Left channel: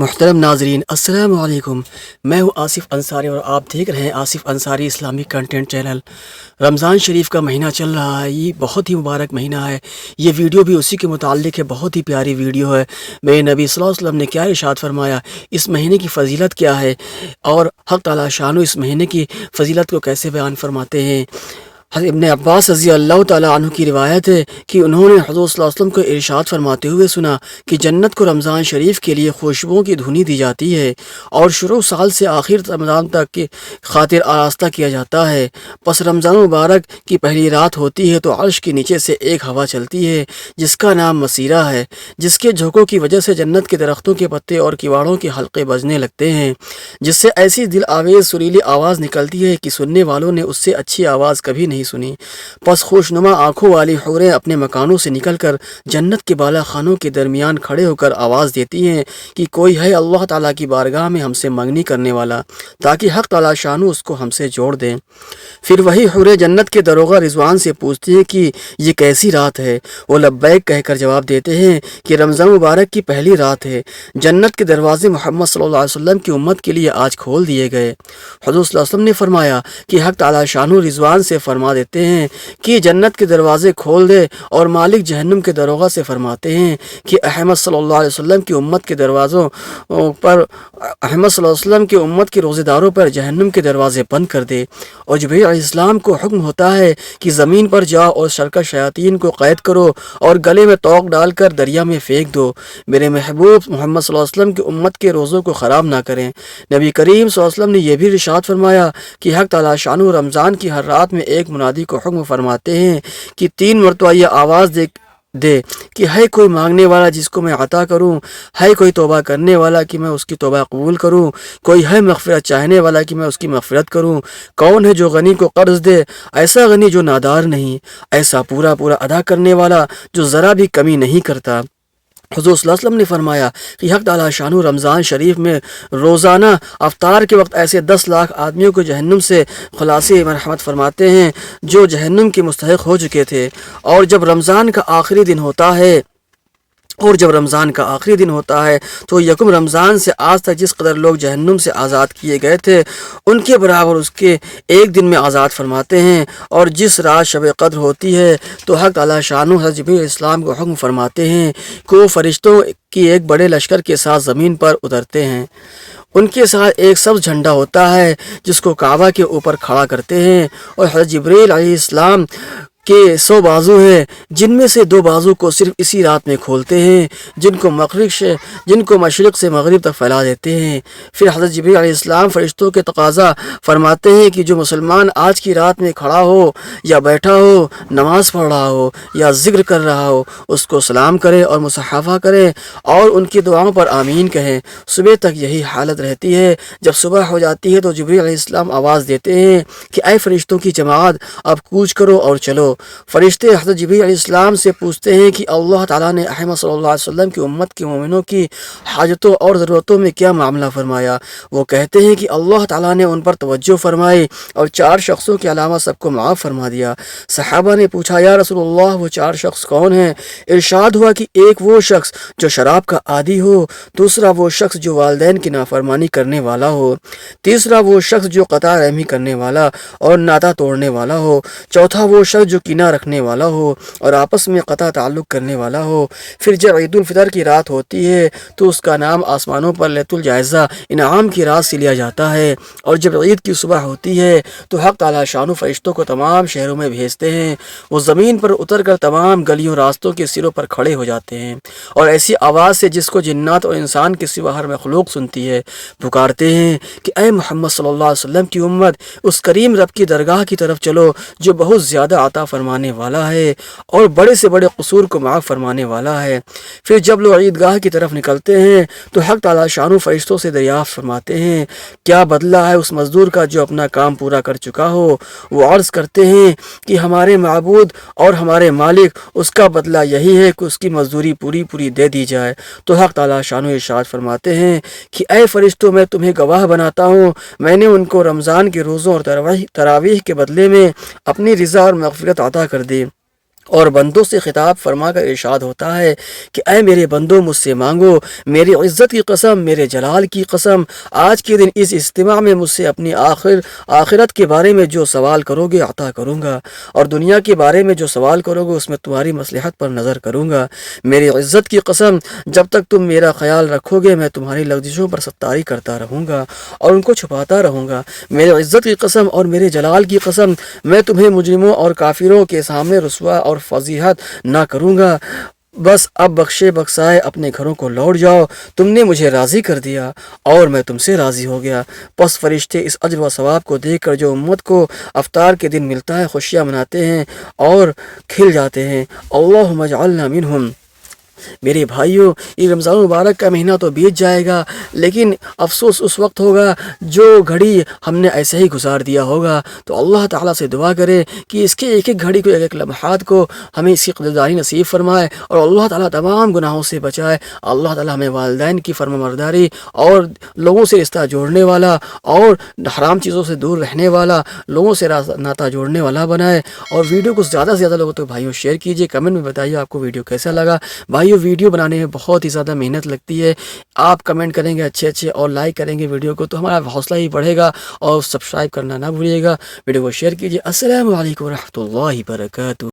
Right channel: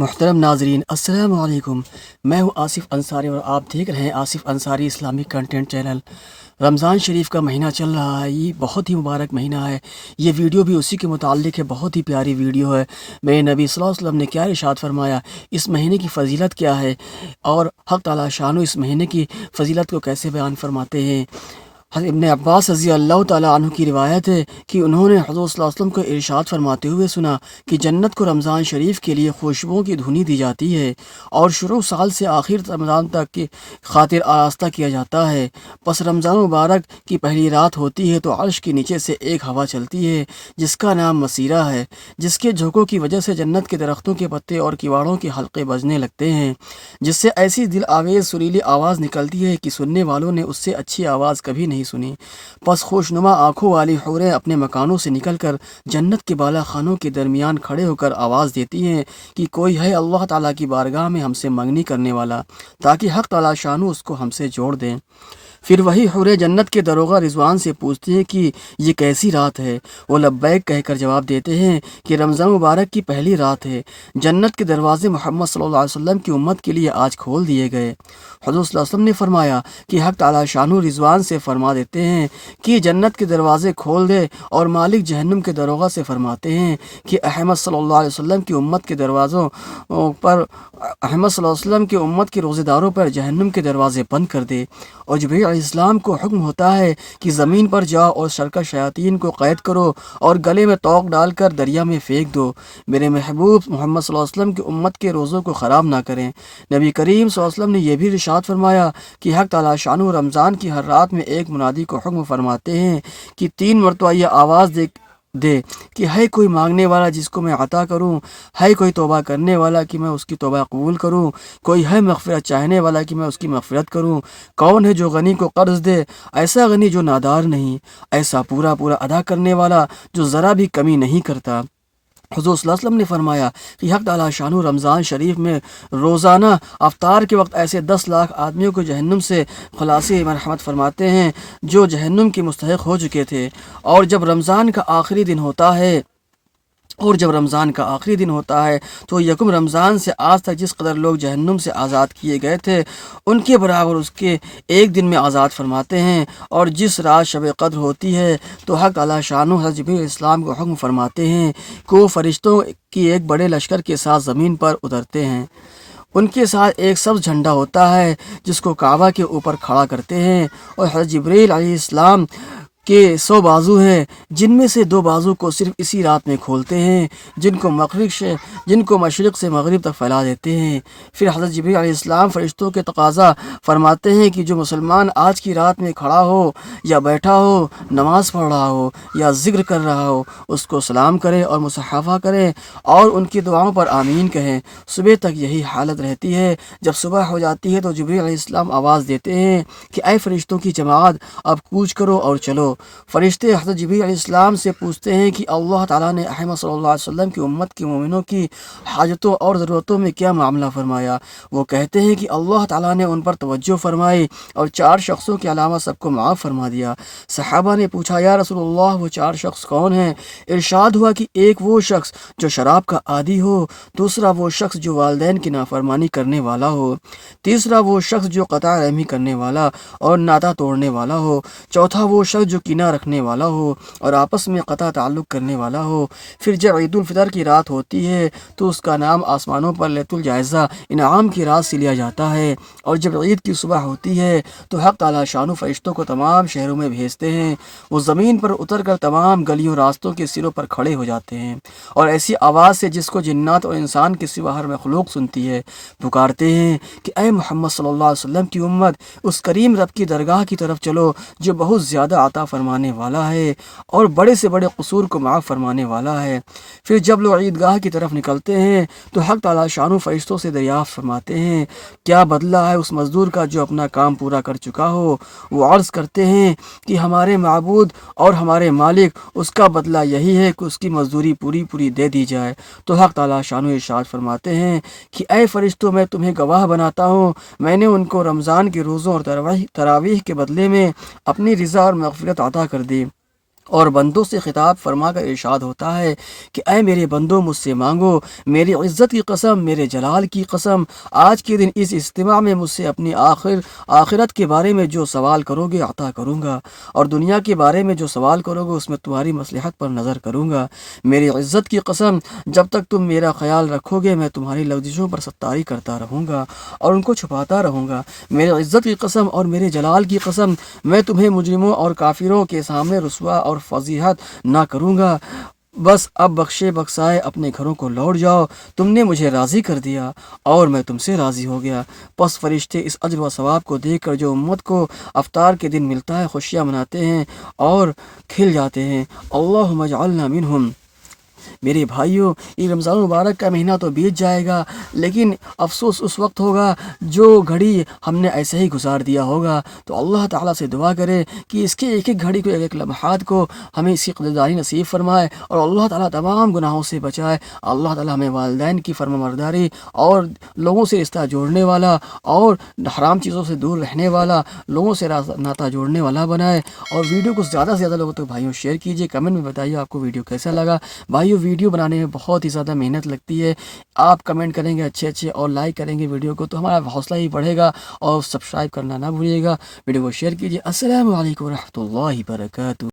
محترم ناظرین السلام علیکم، میں ہوں آصف انصاری اور آپ دیکھ رہے ہیں Asif Ansari Islamic content channel. Ramzan شریف کا مہینہ چل رہا ہے، یہ بہت ہی مبارک مہینہ ہے۔ یہ ویڈیو بھی اسی کے متعلق ہے، بہت ہی پیاری ویڈیو ہے۔ میرے نبی صلی اللہ علیہ وسلم نے کیا ارشاد فرمایا، اس مہینے کی فضیلت کیا ہے اور حق تعالی شانو اس مہینے کی فضیلت کو کیسے بیان فرماتے ہیں۔ حضرت ابن عباس رضی اللہ تعالیٰ عنہ کی روایت ہے کہ انہوں نے حضور صلی اللہ علیہ وسلم کو ارشاد فرماتے ہوئے سنا کہ جنت کو رمضان شریف کے لیے خوشبوؤں کی دھنی دی جاتی ہے اور شروع سال سے آخر رمضان تک کی خاطر آراستہ کیا جاتا ہے۔ پس رمضان مبارک کی پہلی رات ہوتی ہے تو عرش کے نیچے سے ایک ہوا چلتی ہے جس کا نام مسیرہ ہے، جس کے جھونکوں کی وجہ سے جنت کے درختوں کے پتے اور کیواڑوں کے حلقے بجنے لگتے ہیں، جس سے ایسی دل آویز سریلی آواز نکلتی ہے کہ سننے والوں نے اس سے اچھی آواز کبھی نہیں سنی۔ پس خوشنما آنکھوں والی حوریں اپنے مکانوں سے نکل کر جنت کے بالا خانوں کے درمیان کھڑے ہو کر آواز دیتی ہیں کہ کوئی ہے اللہ تعالیٰ کی بارگاہ میں ہم سے منگنی کرنے والا، تاکہ حق تعالیٰ شانو اس کو ہم سے جوڑ دیں۔ پھر وہی حوریں جنت کے دروغہ رضوان سے پوچھتی ہیں کہ یہ کیسی رات ہے؟ وہ لبیک کہہ کر جواب دیتے ہیں کہ رمضان مبارک کی پہلی رات ہے، جنت کے دروازے محمد صلی اللہ علیہ وسلم کی امت کے لیے آج کھول دیے گئے۔ حضور صلی اللہ علیہ وسلم نے فرمایا کہ حق تعالیٰ شانو رضوان سے فرما دیتے ہیں کہ جنت کے دروازے کھول دے، اور مالک جہنم کے دروغہ سے فرماتے ہیں کہ احمد صلی اللہ علیہ وسلم کی امت کے دروازوں پر احمد صلی اللہ علیہ وسلم کی امت کے روزے داروں پر جہنم کے دروازے بند کر دے۔ اور جبرائیل علیہ السلام کو حکم ہوتا ہے کہ زمین پر جاؤ اور سرکش شیاطین کو قید کرو اور گلے میں توق ڈال کر دریا میں پھینک دو، میرے محبوب محمد صلی اللہ علیہ وسلم کی امت کے روزوں کو خراب نہ کریں۔ نبی کریم صلی اللہ علیہ وسلم نے یہ بھی ارشاد فرمایا کہ حق تعالیٰ شانو رمضان کی ہر رات میں ایک منادی کو حکم فرماتے ہیں کہ 3 مرتبہ یہ آواز دے کہ ہے کوئی مانگنے والا جس کو میں عطا کروں، ہے کوئی توبہ کرنے والا کہ میں اس کی توبہ قبول کروں، کوئی ہے مغفرت چاہنے والا کہ میں اس کی مغفرت کروں، کون ہے جو غنی کو قرض دے، ایسا غنی جو نادار نہیں، ایسا پورا ادا کرنے والا جو ذرا بھی کمی نہیں کرتا۔ حضور صلی اللہ علیہ وسلم نے فرمایا کہ حق تعالیٰ شانو رمضان شریف میں روزانہ افطار کے وقت ایسے 10 لاکھ آدمیوں کو جہنم سے خلاصی مرحمت فرماتے ہیں جو جہنم کے مستحق ہو چکے تھے۔ اور جب رمضان کا آخری دن ہوتا ہے تو یکم رمضان سے آج تک جس قدر لوگ جہنم سے آزاد کیے گئے تھے ان کے برابر اس کے ایک دن میں آزاد فرماتے ہیں۔ اور جس رات شب قدر ہوتی ہے تو حق تعالیٰ شانو حضرت جبرائیل علیہ السلام کو حکم فرماتے ہیں کہ وہ فرشتوں کی ایک بڑے لشکر کے ساتھ زمین پر اترتے ہیں، ان کے ساتھ ایک سبز جھنڈا ہوتا ہے جس کو کعبہ کے اوپر کھڑا کرتے ہیں، اور حضرت جبرائیل علیہ السلام کے 100 بازو ہیں جن میں سے 2 بازو کو صرف اسی رات میں کھولتے ہیں جن کو مشرق سے مغرب تک پھیلا دیتے ہیں۔ پھر حضرت جبرائیل علیہ السلام فرشتوں کے تقاضا فرماتے ہیں کہ جو مسلمان آج کی رات میں کھڑا ہو یا بیٹھا ہو، نماز پڑھ رہا ہو یا ذکر کر رہا ہو، اس کو سلام کرے اور مصافحہ کرے اور ان کی دعاؤں پر آمین کہیں۔ صبح تک یہی حالت رہتی ہے۔ جب صبح ہو جاتی ہے تو جبرائیل علیہ السلام آواز دیتے ہیں کہ اے فرشتوں کی جماعت، اب کوچ کرو اور چلو۔ فرشتے حضرت جبرائیل علیہ السلام سے پوچھتے ہیں کہ اللہ تعالیٰ نے احمد صلی اللہ علیہ وسلم کی امت کے مومنوں کی حاجتوں اور ضرورتوں میں کیا معاملہ فرمایا؟ وہ کہتے ہیں کہ اللہ تعالیٰ نے ان پر توجہ فرمائی اور 4 شخصوں کے علاوہ سب کو معاف فرما دیا۔ صحابہ نے پوچھا یا رسول اللہ وہ 4 شخص کون ہیں؟ ارشاد ہوا کہ ایک وہ شخص جو شراب کا عادی ہو، دوسرا وہ شخص جو والدین کی نافرمانی کرنے والا ہو، تیسرا وہ شخص جو قطع رحمی کرنے والا اور ناطہ توڑنے والا ہو، چوتھا وہ شخص جو کینہ رکھنے والا ہو اور آپس میں قطع تعلق کرنے والا ہو۔ پھر جب عید الفطر کی رات ہوتی ہے تو اس کا نام آسمانوں پر لیلۃ الجائزہ انعام کی رات سے لیا جاتا ہے، اور جب عید کی صبح ہوتی ہے تو حق تعالیٰ شانو فرشتوں کو تمام شہروں میں بھیجتے ہیں، وہ زمین پر اتر کر تمام گلیوں راستوں کے سروں پر کھڑے ہو جاتے ہیں اور ایسی آواز سے جس کو جنات اور انسان کے سوا ہر مخلوق سنتی ہے پکارتے ہیں کہ اے محمد صلی اللہ علیہ وسلم کی امت، اس کریم رب کی درگاہ کی طرف چلو جو بہت زیادہ عطا فرمانے والا ہے اور بڑے سے بڑے قصور کو معاف فرمانے والا ہے۔ پھر جب لوگ عیدگاہ کی طرف نکلتے ہیں تو حق تعالیٰ شانو فرشتوں سے دریافت فرماتے ہیں کیا بدلہ ہے اس مزدور کا جو اپنا کام پورا کر چکا ہو؟ وہ عرض کرتے ہیں کہ ہمارے معبود اور ہمارے مالک، اس کا بدلہ یہی ہے کہ اس کی مزدوری پوری دے دی جائے۔ تو حق تعالیٰ شانو ارشاد فرماتے ہیں کہ اے فرشتوں، میں تمہیں گواہ بناتا ہوں، میں نے ان کو رمضان کے روزوں اور تراویح کے بدلے میں اپنی رضا اور مغفرت عطا کر دی، اور بندوں سے خطاب فرما کر ارشاد ہوتا ہے کہ اے میرے بندوں مجھ سے مانگو، میری عزت کی قسم، میرے جلال کی قسم، آج کے دن اس اجتماع میں مجھ سے اپنی آخرت کے بارے میں جو سوال کرو گے عطا کروں گا، اور دنیا کے بارے میں جو سوال کرو گے اس میں تمہاری مصلحت پر نظر کروں گا۔ میری عزت کی قسم، جب تک تم میرا خیال رکھو گے میں تمہاری لغزشوں پر ستاری کرتا رہوں گا اور ان کو چھپاتا رہوں گا۔ میری عزت کی قسم اور میرے جلال کی قسم، میں تمہیں مجرموں اور کافروں کے سامنے رسوا اور فضیحت نہ کروں گا۔ بس اب بخشے بخشائے اپنے گھروں کو لوٹ جاؤ، تم نے مجھے راضی کر دیا اور میں تم سے راضی ہو گیا۔ پس فرشتے اس اجر و ثواب کو دیکھ کر جو امت کو افطار کے دن ملتا ہے خوشیاں مناتے ہیں اور کھل جاتے ہیں۔ اللہم اجعلنا منہم۔ میرے بھائیوں، یہ رمضان مبارک کا مہینہ تو بیت جائے گا، لیکن افسوس اس وقت ہوگا جو گھڑی ہم نے ایسے ہی گزار دیا ہوگا۔ تو اللہ تعالیٰ سے دعا کرے کہ اس کے ایک ایک گھڑی کو، ایک ایک لمحات کو ہمیں اس کی قدردانی نصیب فرمائے اور اللہ تعالیٰ تمام گناہوں سے بچائے۔ اللہ تعالیٰ ہمیں والدین کی فرمانبرداری اور لوگوں سے رشتہ جوڑنے والا اور حرام چیزوں سے دور رہنے والا، لوگوں سے ناطہ جوڑنے والا بنائے۔ اور ویڈیو کو زیادہ سے زیادہ لوگوں تک بھائیوں شیئر کیجیے، کمنٹ میں بتائیے آپ کو ویڈیو کیسا لگا۔ بھائیو ویڈیو بنانے میں بہت ہی زیادہ محنت لگتی ہے، آپ کمنٹ کریں گے اچھے اور لائک کریں گے ویڈیو کو تو ہمارا حوصلہ ہی بڑھے گا، اور سبسکرائب کرنا نہ بھولیے گا۔ ویڈیو کو شیئر کیجیے۔ السلام علیکم ورحمۃ اللہ وبرکاتہ۔